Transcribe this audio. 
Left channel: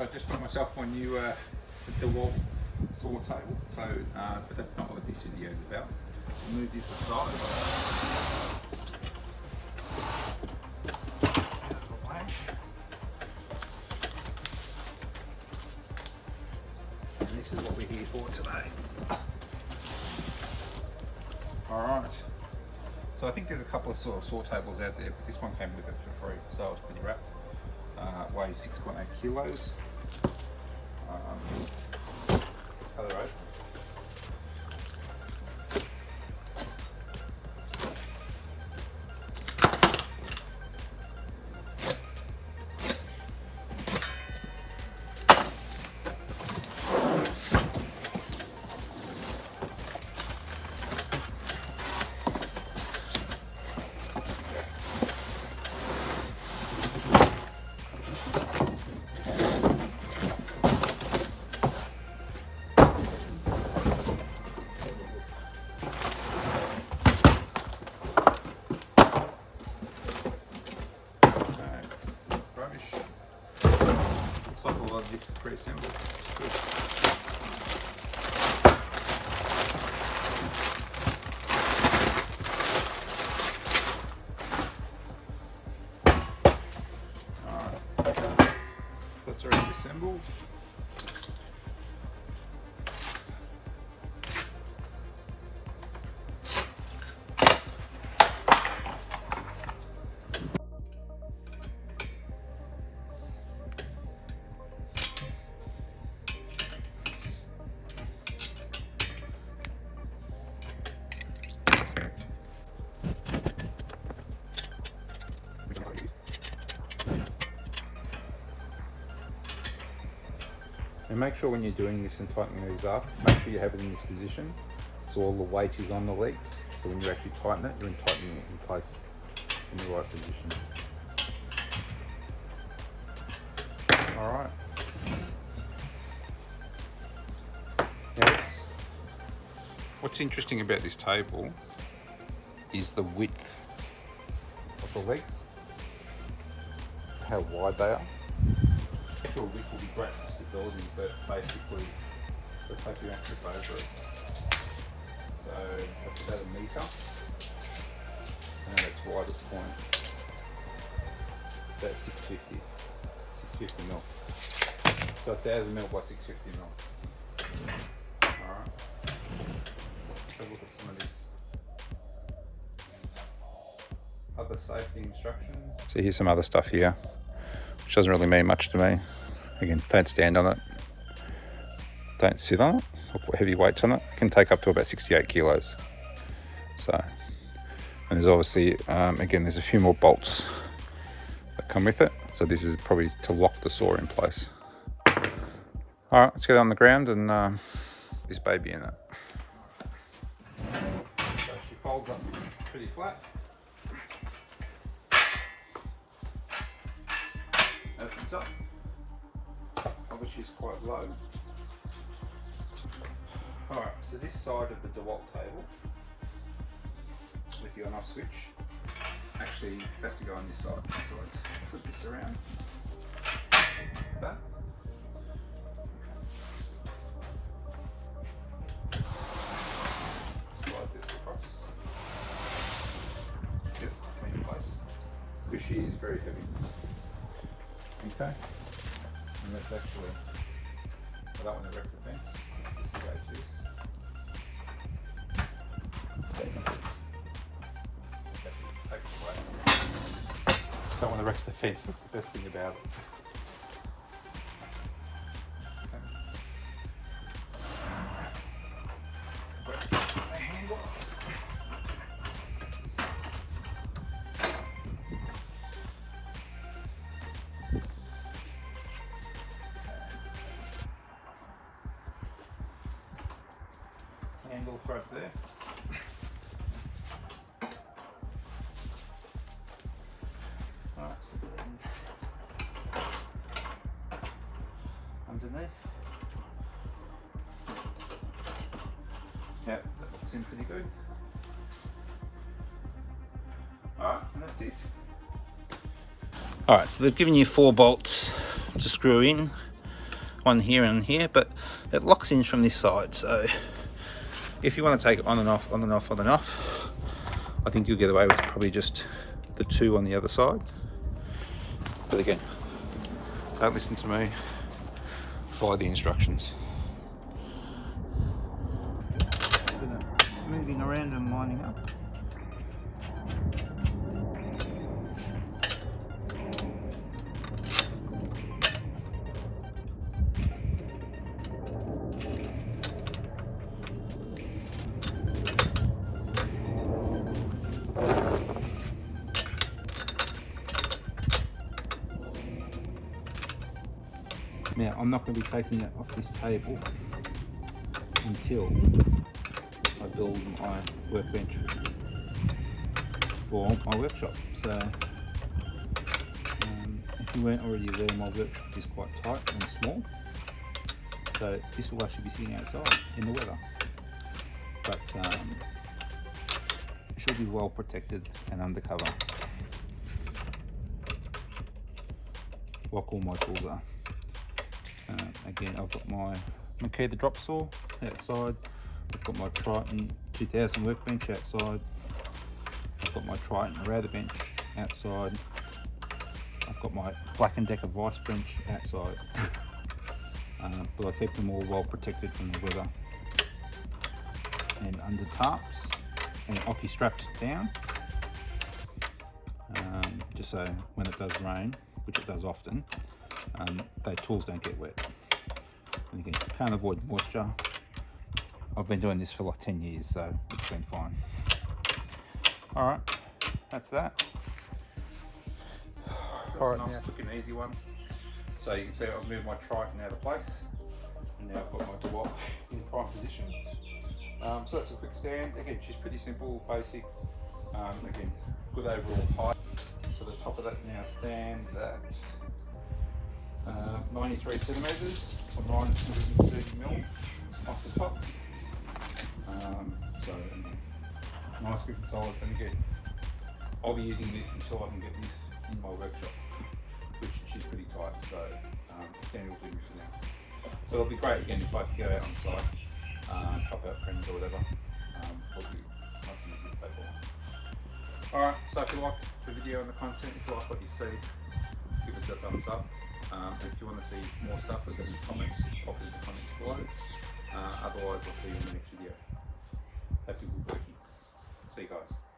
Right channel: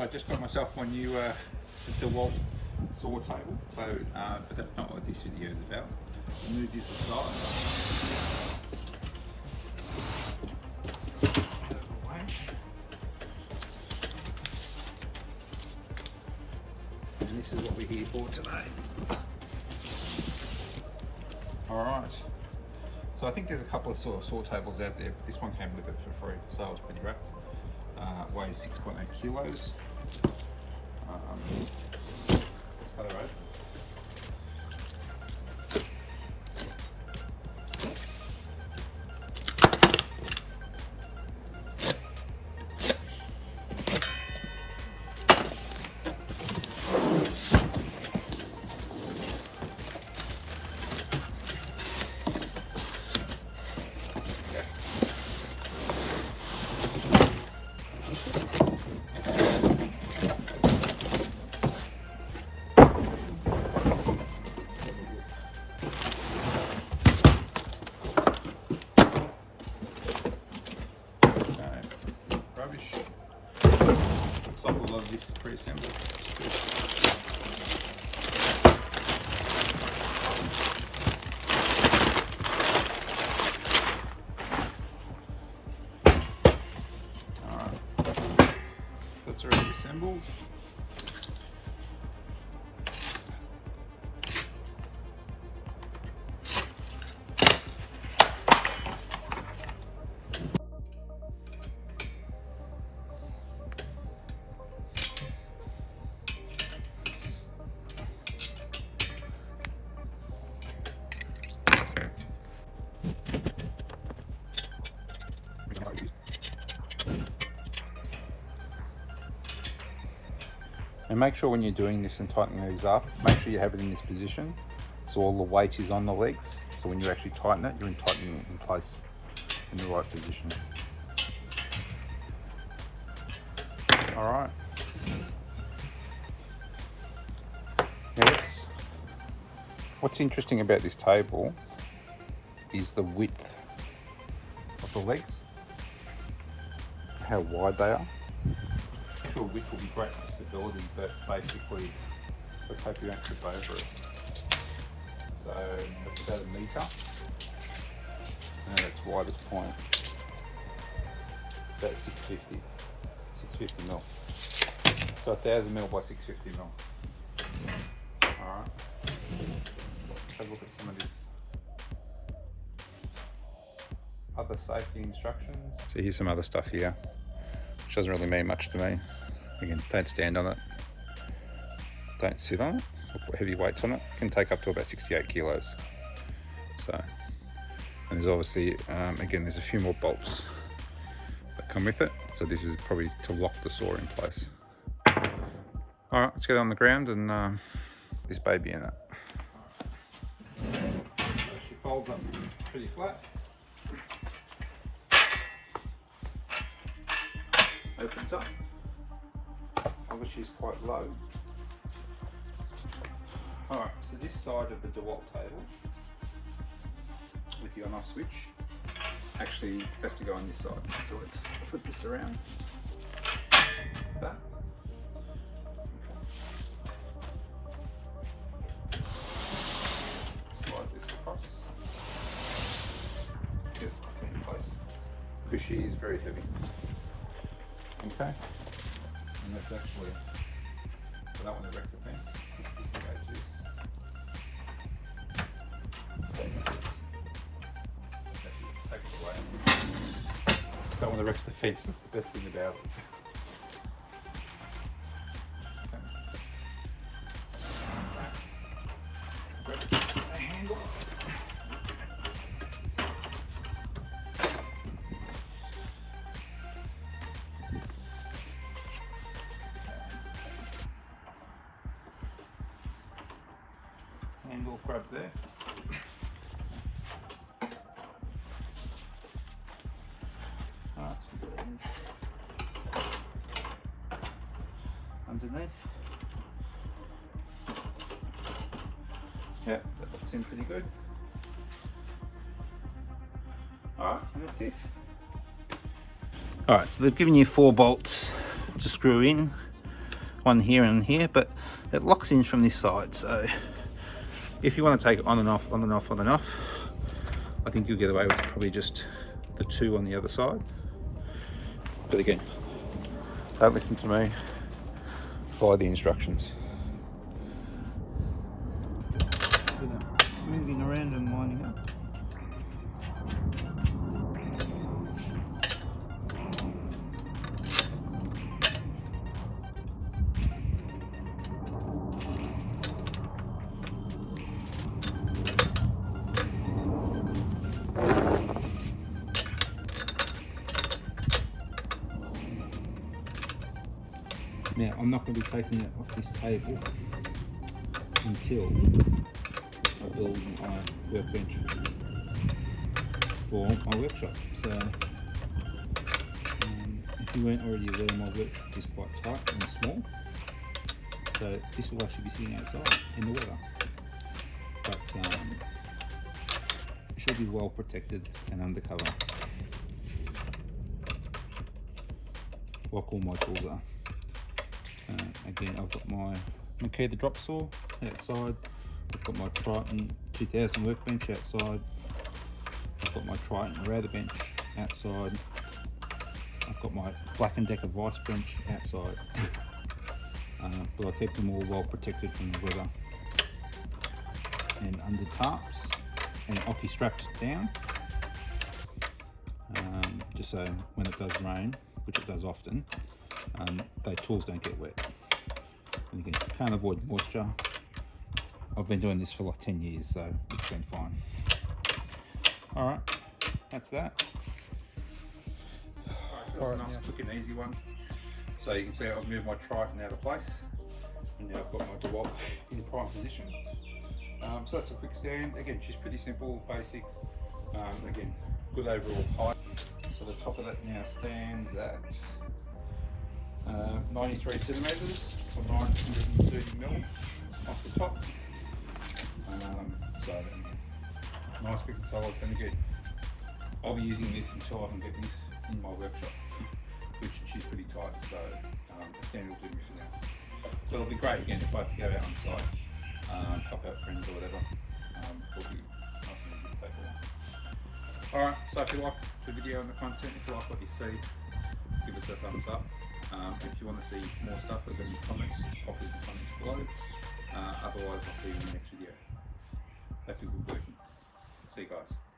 So I just got myself my new DeWalt saw table. So, but that's not what this video is about. I'll move this aside. And this is what we're here for today. Alright, so I think there's a couple of sort of saw tables out there, but this one came with it for free, so I was pretty wrapped. Weighs 6.8 kilos. It's color right. Looks like a lot of this is pre-assembled. Alright, that's already assembled. And make sure when you're doing this and tightening these up, make sure you have it in this position so all the weight is on the legs. So when you actually tighten it, you're tightening it in place in the right position. All right. Yes. What's interesting about this table is the width of the legs, how wide they are. The width will be great for stability, but basically let's hope you don't trip over it. So that's about 1 metre, and then its widest point about 650 mil. So 1000 mil by 650 mil. All right. Let's have a look at some of this other safety instructions. So here's some other stuff here, which doesn't really mean much to me. Again, don't stand on it, don't sit on it, so put heavy weights on it. It can take up to about 68 kilos. So, and there's obviously, again, there's a few more bolts that come with it. So this is probably to lock the saw in place. All right, let's get it on the ground and this baby in it. So she folds up pretty flat. Opens up. Obviously it's quite low. Alright, so this side of the DeWalt table with the on-off switch actually has to go on this side. So let's flip this around. That. Slide this across. Get it in place. Because she is very heavy. Okay. And that's actually, I don't want to wreck the fence. Disengage this. Take it away. Don't want to wreck the fence, that's the best thing about it. Okay. Handles. Handle grab there. Alright, so then underneath. Yep, that looks in pretty good. Alright, and that's it. Alright, so they've given you 4 bolts to screw in. one here and here, but it locks in from this side. So if you want to take it on and off, on and off, on and off, I think you'll get away with probably just the two on the other side. But again, don't listen to me, follow the instructions. With that moving around and lining up. Now, I'm not going to be taking it off this table until I build my workbench for my workshop. So, if you weren't already aware, my workshop is quite tight and small. So this will actually be sitting outside in the weather. But it should be well protected and undercover, like all my tools are. Again, I've got my Makita drop saw outside. I've got my Triton 2000 workbench outside. I've got my Triton router bench outside. I've got my Black & Decker vice bench outside. But I keep them all well protected from the weather. And under tarps and hockey strapped down. Just so when it does rain, which it does often, those tools don't get wet. And again, you can't avoid moisture. I've been doing this for like 10 years, so it's been fine. Alright, that's that. Alright, nice, quick and easy one. So you can see I've moved my Triton out of place, and now I've got my DeWalt in prime position. So that's a quick stand. Again, she's pretty simple, basic. Again, good overall height. So the top of that now stands at 93 centimetres or 930mm off the top. So nice, quick and solid. And again, I'll be using this until I can get this in my workshop, which she's pretty tight. So the stand will be for now. But it'll be great again if I have to go out on site, pop out friends or whatever. It'll be nice and easy to take along. Alright, so if you like the video and the content, if you like what you see, give us a thumbs up. If you want to see more stuff with any comments, pop us in the comments below. Otherwise, I'll see you in the next video. Hope you're good working. See you guys.